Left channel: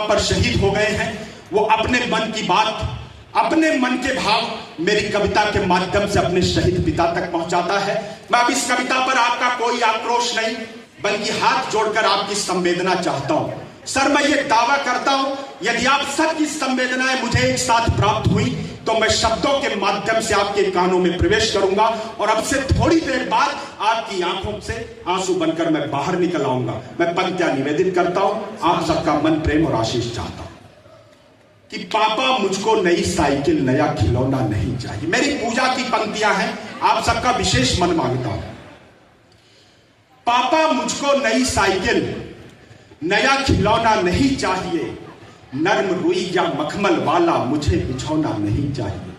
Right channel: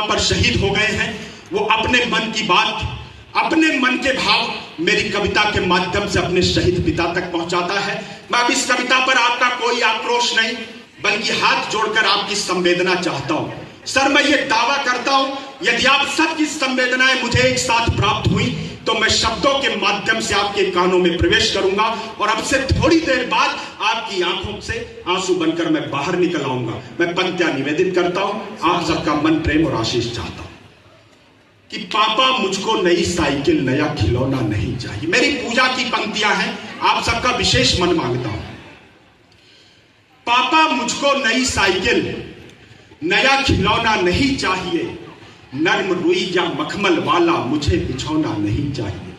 पर शहीद हो गए हैं, वो अपने मन की बात, अपने मन के भाव मेरी कविता के माध्यम से अपने शहीद पिता तक पहुंचाता है। मैं अब इस कविता पर आपका कोई आक्रोश नहीं, बल्कि हाथ जोड़कर आपकी संवेदना चाहता हूं। सर, मैं ये दावा करता हूं, यदि आप सबकी संवेदनाएं मुझे एक साथ प्राप्त हुई तो मैं शब्दों के माध्यम से आपके कानों में प्रवेश करूंगा और अब से थोड़ी देर बाद आपकी आंखों से आंसू बनकर मैं बाहर निकल आऊंगा। मैं पंक्तियां निवेदित करता हूं, आप सबका मन, प्रेम और आशीष चाहता हूं कि पापा मुझको नई साइकिल, नया खिलौना नहीं चाहिए। मेरी पूजा की पंक्तियां हैं, आप सबका विशेष मन मांगता हूं। पापा मुझको नई साइकिल, नया खिलौना नहीं चाहिए, नर्म रुई या मखमल वाला मुझे बिछौना नहीं चाहिए।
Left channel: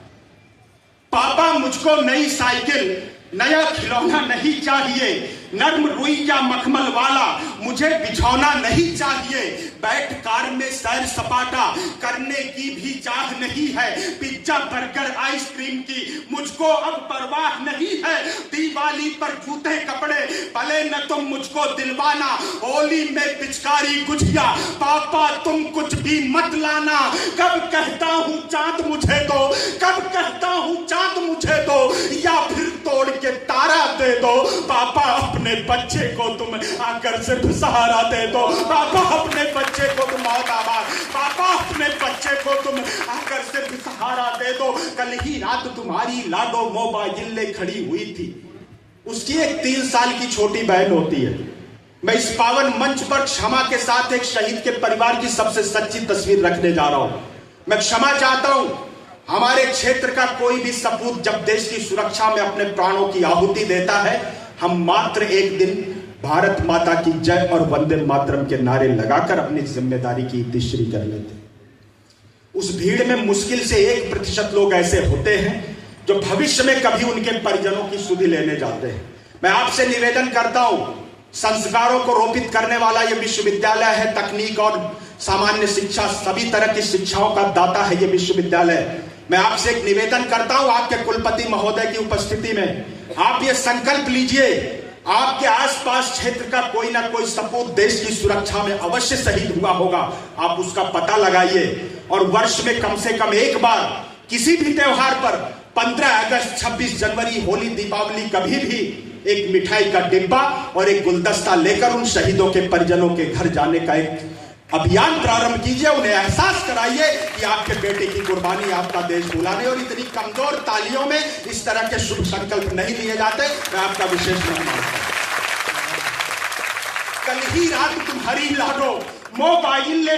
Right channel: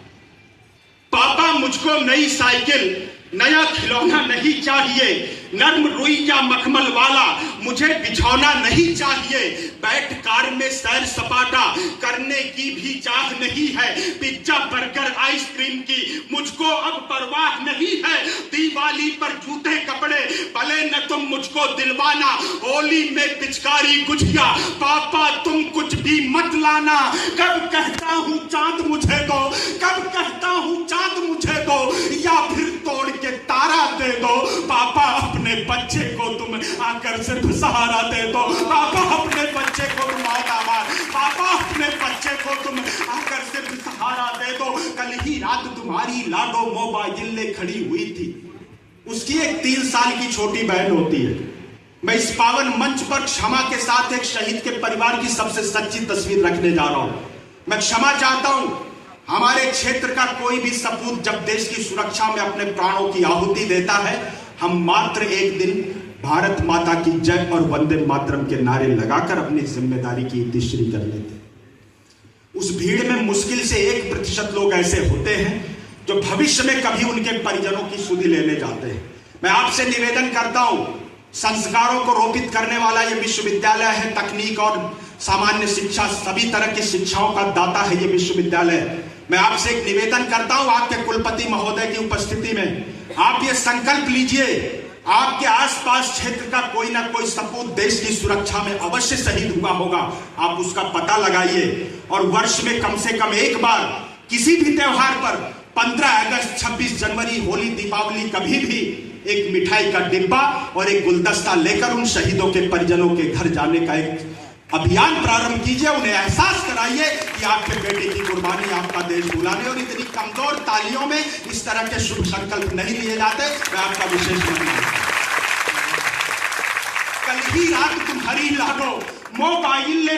पापा मुझको नई साइकिल, नया खिलौना नहीं चाहिए, नर्म रुई या मखमल वाला मुझे बिछौना नहीं चाहिए। बैठ कार में सैर सपाटा करने की भी चाह नहीं है, पिज्जा बर्गर आइसक्रीम की मुझको अब परवाह नहीं है। दिवाली पर जूते कपड़े भले न तुम मुझको दिलवाना, होली में पिचकारी गुझिया पापा तुम कुछ भी मत लाना। कब कहता हूं चांद मुझे दो, कब कहता हूं चांद मुझे दो, या फिर तोड़ के तारा दे दो। पापा अपने बच्चे को तुम आकर सिर्फ सहारा दे दो। पापा अपने बच्चे को तुम पापा अपने बच्चे को तुम आकर सिर्फ सहारा दे दो। कल ही रात तुम्हारी लाडो मोबाइल ले खड़ी हुई थी, उसकी एक 3 साल की छोटी बहन होती है। मैं इस पावन मंच पर क्षमा के साथ एक शहीद के परिवार की सबसे सच्ची तस्वीर रखने जा रहा हूं। मैं क्षमा चाहता हूं। हमारे क्षेत्र का कोई भी सपूत जब देश की सुरक्षा में अपने प्राणों की आहुति देता है, हम मात्र एक दिन भारत माता की जय और वंदे मातरम के नारे लगाकर अपनी जिम्मेदारी की इतिश्री कर लेते। उस भीड़ में मुश्किल से 1% लोग ऐसे होते हैं जो भविष्य में कभी उनके परिजनों की सुधि लेने जाते हैं। मैं आपसे निवेदन करता हूं, संस्कारों को रोपित करने वाला यह विश्वविद्यालय है। तकनीक और सामान्य शिक्षा, सभी तरह की शिक्षाओं का दाता है यह विश्वविद्यालय। मैं आपसे एक निवेदन करता हूं, आपके कुलपति महोदय की उपस्थिति में आप ये संकल्प लीजिए, आपके आसपास क्षेत्र का कोई ना कोई सपूत देश की सुरक्षा में अवश्य शहीद हुआ होगा। आप उसका पता लगाइए और वर्ष में कम से कम एक बार किसी भी त्योहार पर 15 अगस्त, 26 जनवरी, होली, दीपावली, कभी भी एक मिठाई का डिब्बा और एक गुलदस्ता लेकर उन शहीदों के परिजनों के घर जाने का एक अभियान प्रारंभ कीजिए। उन्हें एहसास कराइए कि आपके बेटे की कुर्बानी आपका देश बुलाने, और इतनी कमजोर तालियों में इस तरह के शुभ संकल्प नहीं लिए जाते। मैं आपका विशेष धन्यवाद। कल ही रात तुम्हारी लाडो मोबाइल ले